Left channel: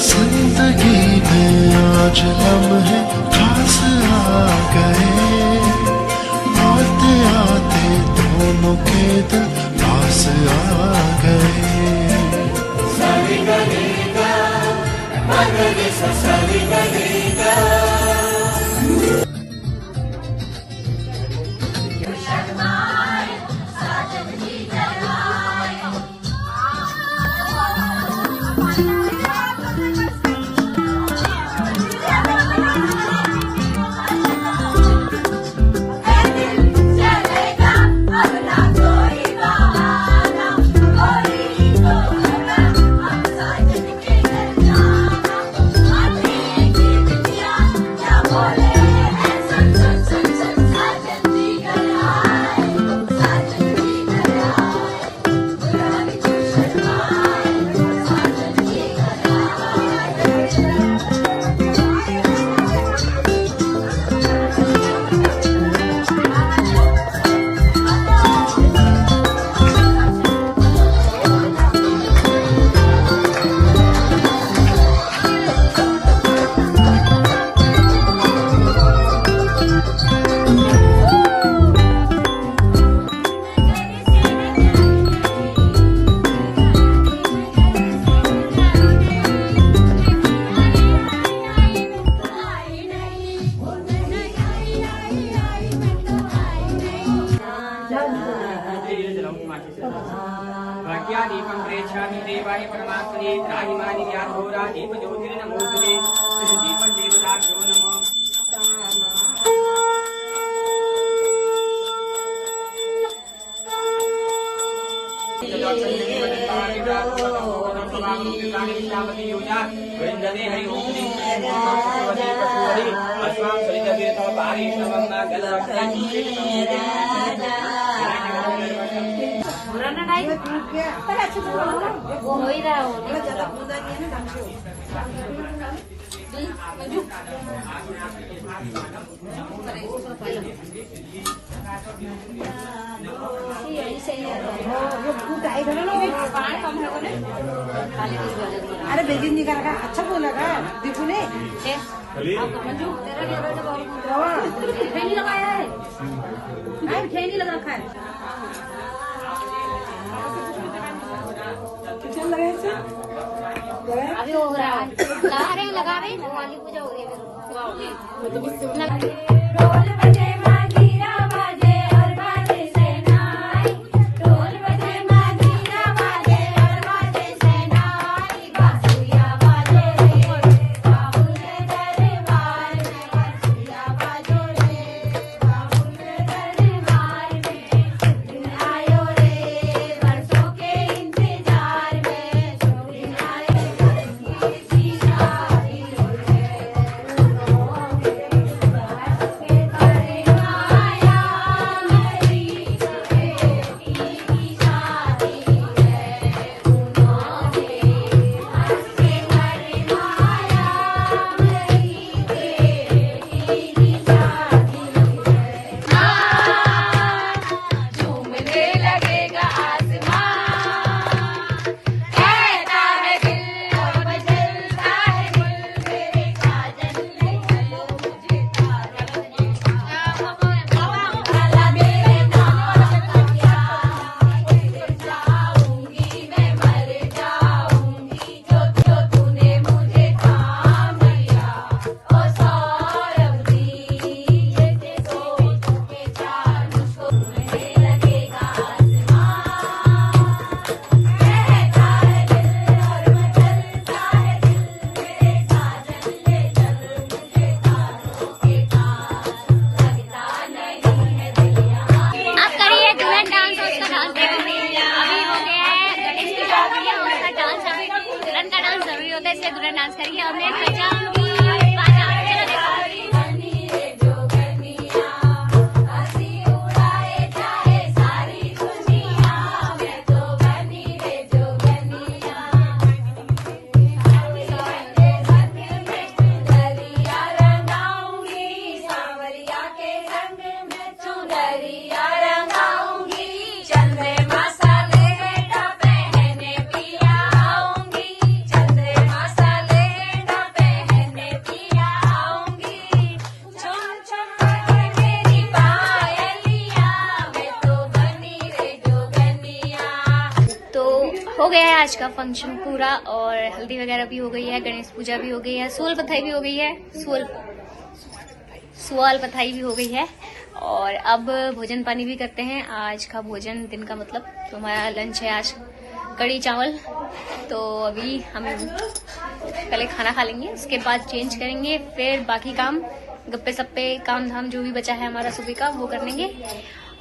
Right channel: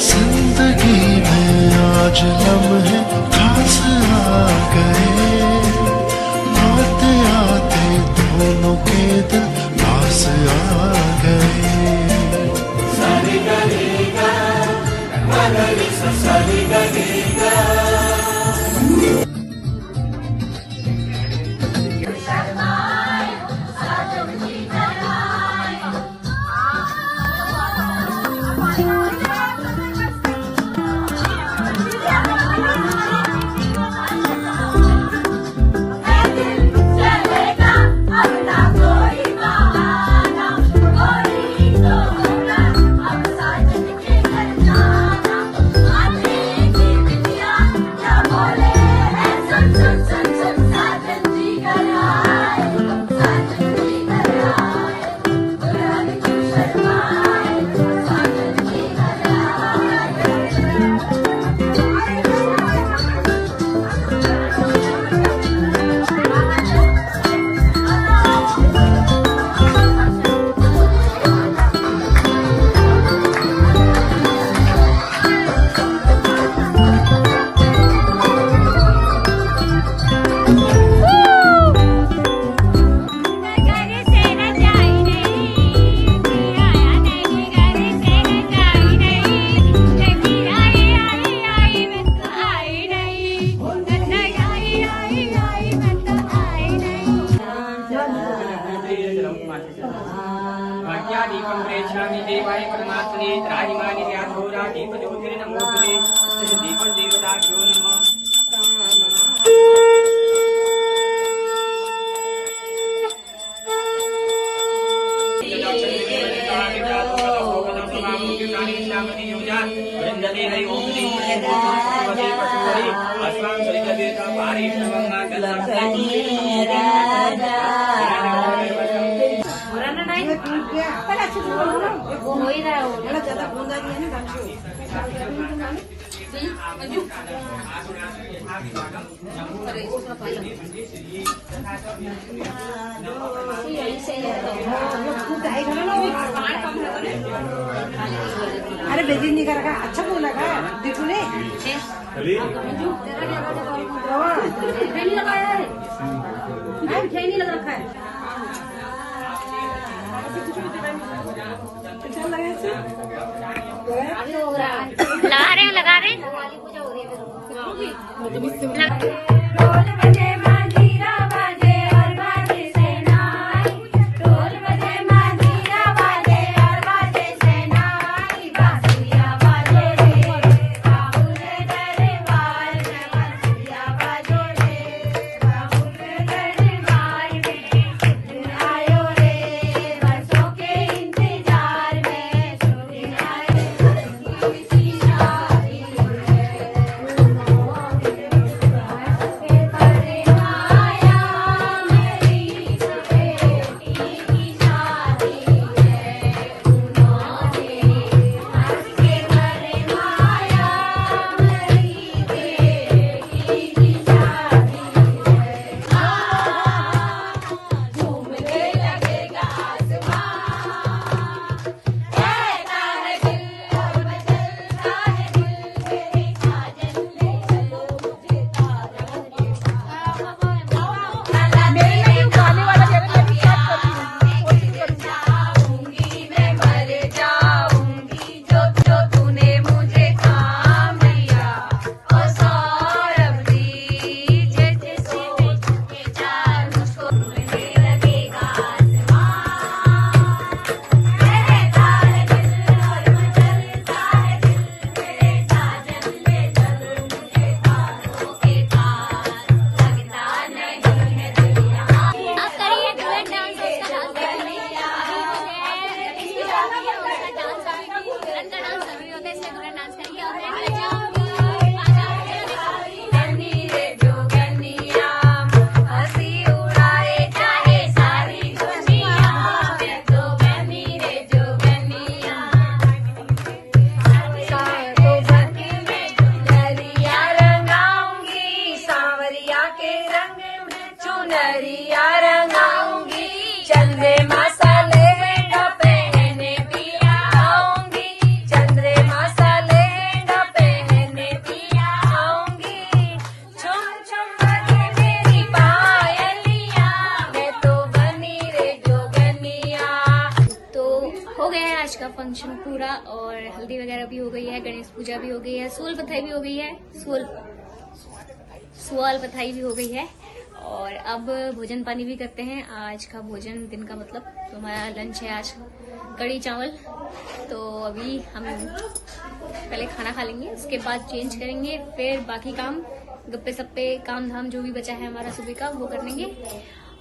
जिंदगी में आज लम्हे खास आ गए, आते आते दोनों के दिल पास आ गए। क्या दीपं प्रेक्षामि देवाय परमात्मने त्राहिमानि ध्यानघोरा दीप ज्योतिर्नमोस्तुते दीपं देवताभ्यो नमः। वृंदते हरि ओम अस्मां सरिता पारि समंगा गलते नहीं टूट गया पर अच्छा वो हो ही रहा है वो ज्यादा बूंदा नहीं है ना अरे बेबी नहीं कर रखा अच्छा बोल लगा देखो ने नहीं लगाया है नहीं लगा रखा है अभी हो रहा है लगा रहे हैं पूजा हो रही है। इसलिए दुल्हन डांस करिए और मैं बजाऊंगी बाजा। चलो सावरिया के रंग में चुनरिया रंगाऊंगी चंद्रमा हो गया है आज का फंक्शन पूरा, और हल्दी वगैरह भी हो गई है, गणेश पूजा भी हो गई है, सोल पथाई भी हो गई है, सुअल पथाई भी हो गई है, और अब भोजन पानी भी करते हैं। आज का भोजन दिन का मतलब तो हमारा लंच है आज कढ़ी चावल। तो अभी हम पहले खाना खा लेंगे, उसके बाद चेंज करेंगे, फिर बाकी काम गप्पे सप्पे काम धाम जो भी बचा है हमारा सुबह का वो कर लेंगे।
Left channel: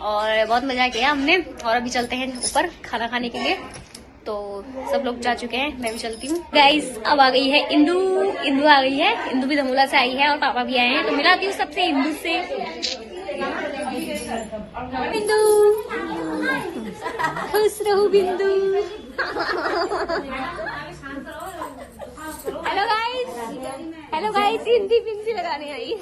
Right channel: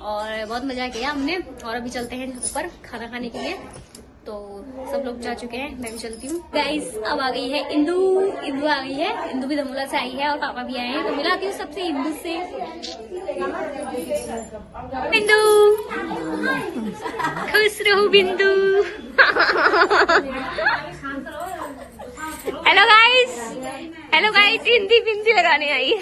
और बहुत मजा किया हमने, और अभी चलते हैं ऊपर खाना खाने के लिए। तो सब लोग जा चुके हैं, मैं भी चलती हूँ। गाइस अब आ गई है इंदू आ गई है, इंदू भी धमोला से आई है और पापा भी आए हैं, तो मिलाती हूँ सबसे इंदू से। बिंदु खुश रहो बिंदु। हेलो गाइस हिंदी बिंदी लगाने आई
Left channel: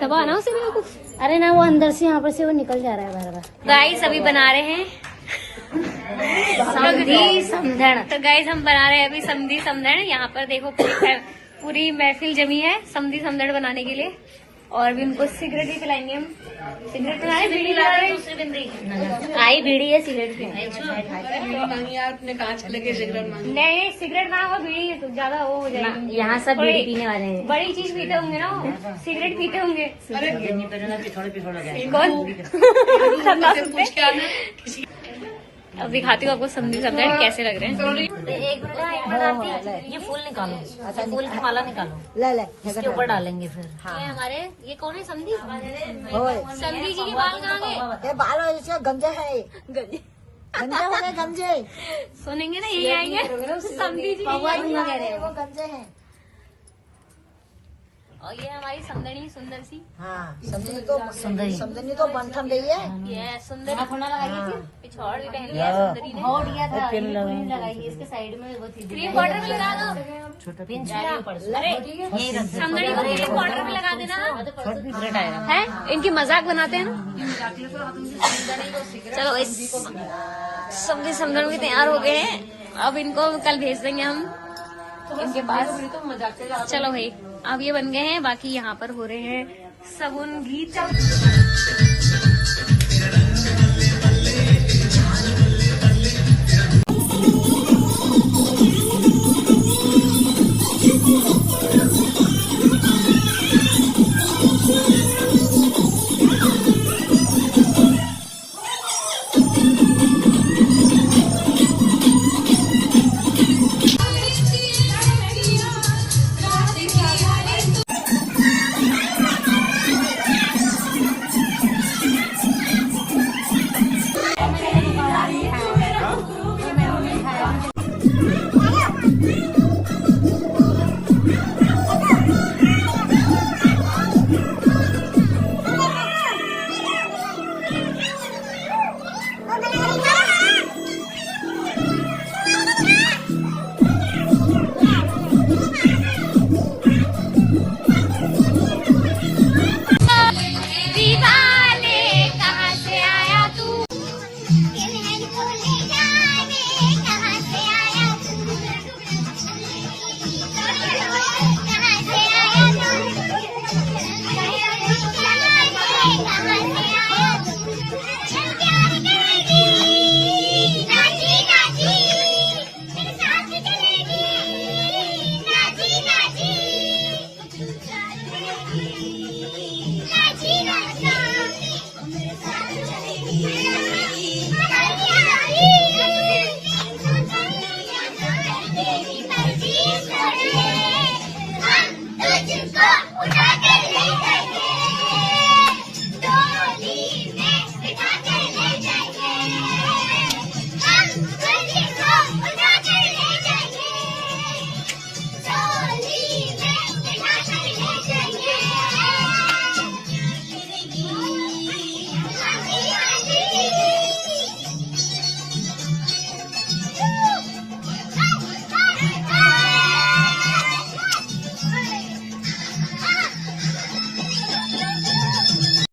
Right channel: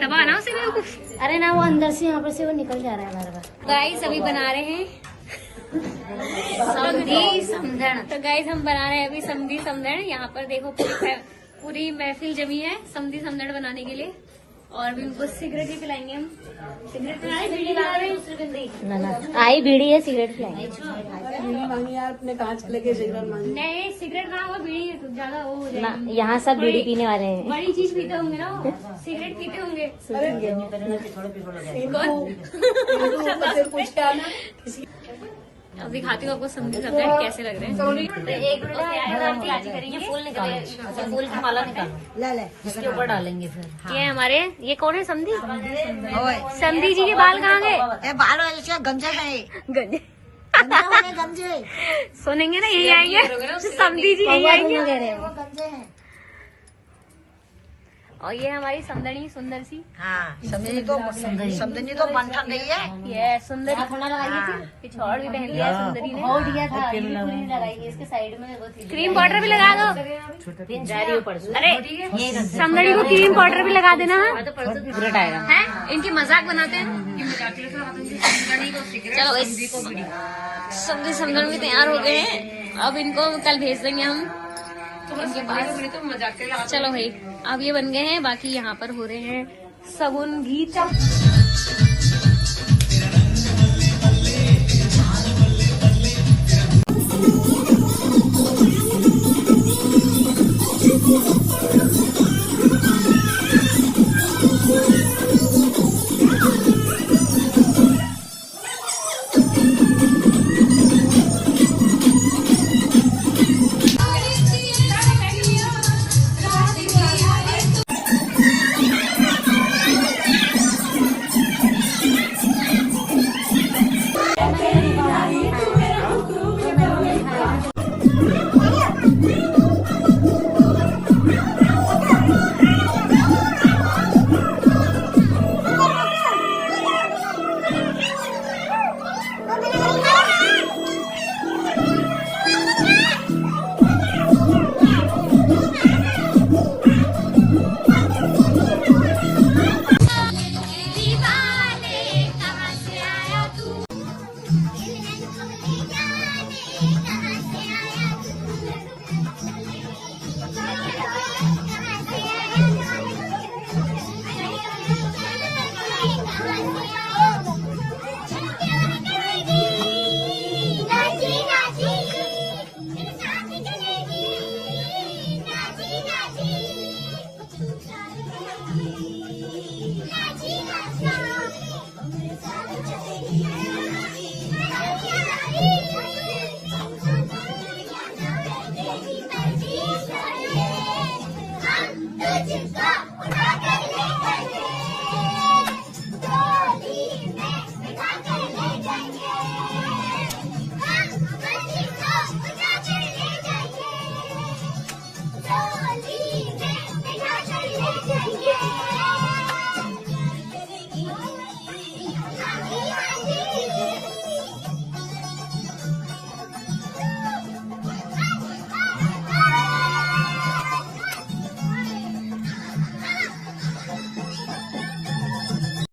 दबा ना उसे बेवकूफ। अरे ना वो अंदर से यहाँ पर से वो निकल जा रहा है बार बार। गाइस अभी बना रहे हैं समधी समधन। तो गाइस हम बना रहे हैं अभी समधी समधन। यहाँ पर देखो पूरी महफिल जमी है समधी समधन बनाने के लिए, और भी उनको सिगरेट ही पिलाएंगे हम। सिगरेट पिला रहे, बीड़ी पिला रहे, आई बीड़ी है सिगरेट पे। नहीं सिगरेट ना हो, बीड़ी है तो ज्यादा वो हो जाएगा। यहाँ सब बीड़ी पीने वाले हैं। बड़ी चीज पीते होंगे ना, सिगरेट पीते होंगे। कौन? अब दिखाती हूँ आपको समझी समझाए कैसे लग रहे हैं। ये फूल निकालो, अच्छा फूल की माला निकालो, ले इसके ऊपर डालेंगे फिर। ये हमारे ये कौन है समधी? समधी जी के बाल कहाँ गए? बाल गंजे गंजे सुनेंगे ना यही आएंगे, समधी जी यही आएंगे। वो गंजे हैं। और ये हमारी सुंदरी सुंदर सी समझनी तो बंठन रही है। ये सुंदर पिछौड़ भी पहन लिया सुंदरी ने। बहुत दिया था, लगाई है इसके साइड में वो थी। क्रीम पाउडर भी लगा दो। अरे सुंदरी को क्रीम पाउडर भी लगा देना है। इनकी मजाक बनाते हैं। चलो समझी समझन भी तैयार हो गए हैं, अब इनको कल भेज देंगे हम इनके पास। चलो भाई अब ये बन गए हैं, बाकी यहाँ पर हो रहे हैं सगुन गीत।